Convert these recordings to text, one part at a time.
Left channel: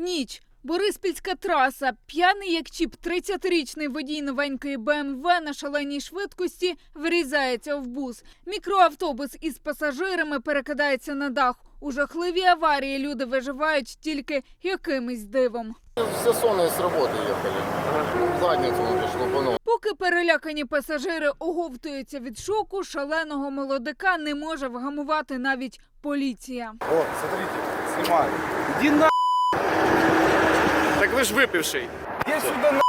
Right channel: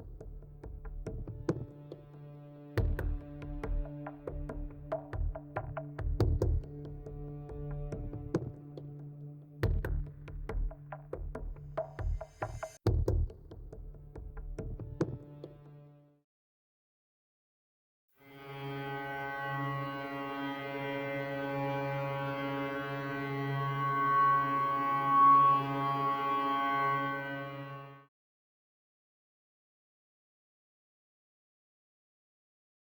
Ніч. Бориспільська траса. П'яний як чіп, 30-річний водій новенької БМВ на шаленій швидкості врізається в бус. Мікроавтобус із пасажирами перекидається на дах. У жахливій аварії люди виживають тільки якимось дивом. Все сонные с работы ехали. Задницу не шлупанул. Поки перелякані пасажири оговтуються від шоку, шаленого молодика не може вгамувати навіть поліція. Вот, смотрите, снимаю. Иди на... Вы ж выпивший. Иди сюда на...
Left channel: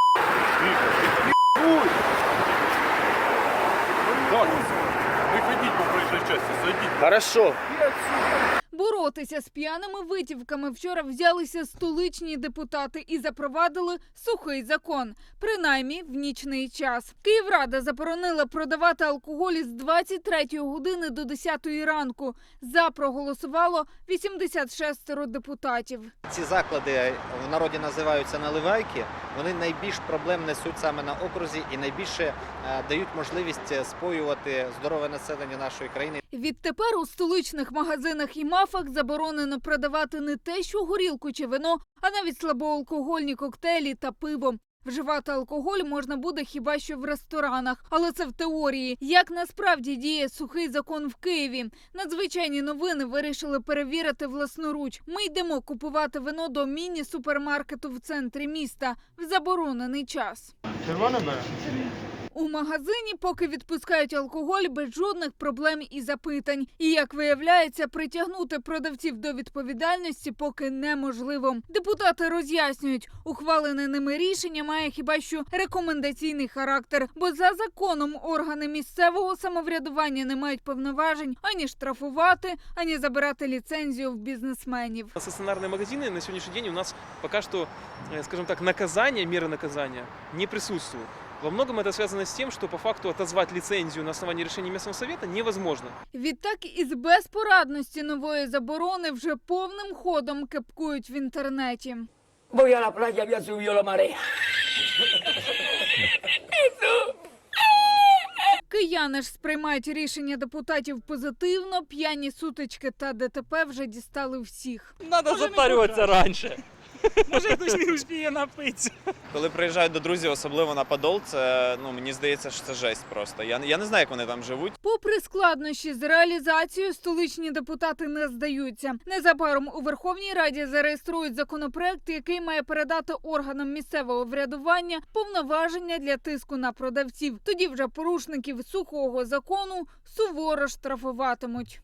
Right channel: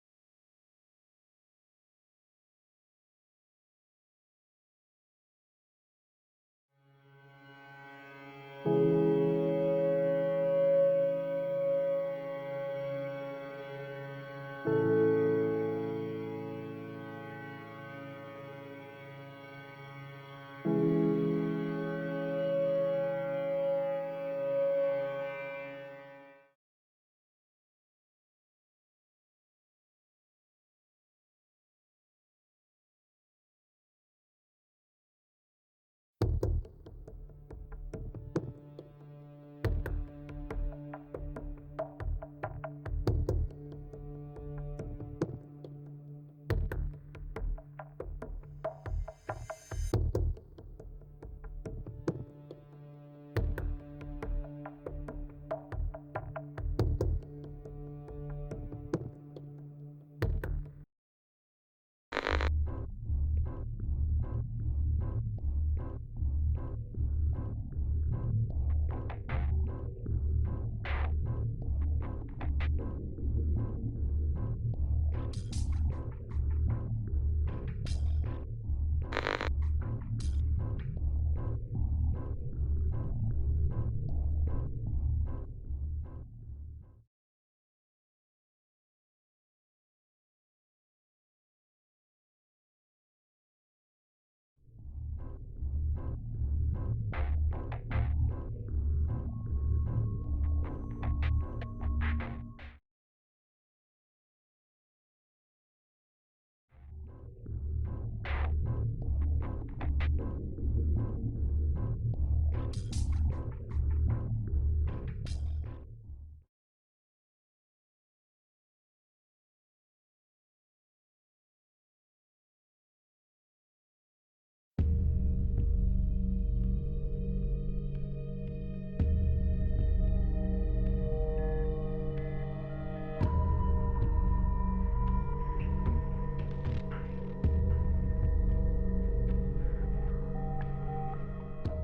Так, по проїжджій часті, зайдіть. Хорошо. Боротися з п'яними витівками вчора взялися столичні депутати і запровадили сухий закон, принаймні в нічний час. Київрада заборонила продавати алкоголь з 23 години до 10 ранку. За проголосувало 86 депутатів. Ці заклади в народі називаються наливайки. Вони найбільш проблем несуть саме на окрузі і найбільше е, дають можливість е, споювати здорове населення нашої країни. Відтепер у столичних магазинах і мафах заборонено продавати не те, що горілку чи вино, а навіть слабоалкогольні коктейлі та пиво. Вживати алкоголь можна буде хіба що в ресторанах, але це в теорії. Як насправді діє сухий закон в Києві? Надзвичайні новини вирішили перевірити власноруч. Ми йдемо купувати вино до міні-супермаркету в центрі міста в заборонений час. У магазині поки відпускають алкоголь без жодних проблем і запитань. І як виявляється, притягнути продавців до відповідальності поки неможливо. Депутати роз'яснюють, ухвалене ними рішення має хіба що рекомендаційний характер, бо за законом органи місцевого самоврядування не мають повноважень ані штрафувати, ані забирати ліцензію в бізнесменів. Стационарные магазины на сегодняшний день у нас пока что, э, скажем так, наказание, меры наказания не присутствуют. Во многом это связано с тем, что по факту отозвать лицензию на основании решения местного совета невозможно. Відтак із безпорадності нової заборони вже повним ходом кепкують в інтернеті. Voy a la playa, había subido la marea. Кияни ж сприймають рішення депутатів позитивно. П'яні сутички та ДТП вже дістали всіх. Надо затарюватися раніше. Може, хтось не успіє напитися. Коли приїжджають до друзів, особливо на Подол, це ну мені здається, що це жесть просто. Я, я не знаю, як вони там живуть. Попри складнощі з реалізацією, столичні депутати не здаються. Незабаром у Верховній Раді зареєструють законопроект, який має передати органам місцевого врядування повноваження для тиску на продавців. Тоді вже порушників сухого закону суворо штрафуватимуть.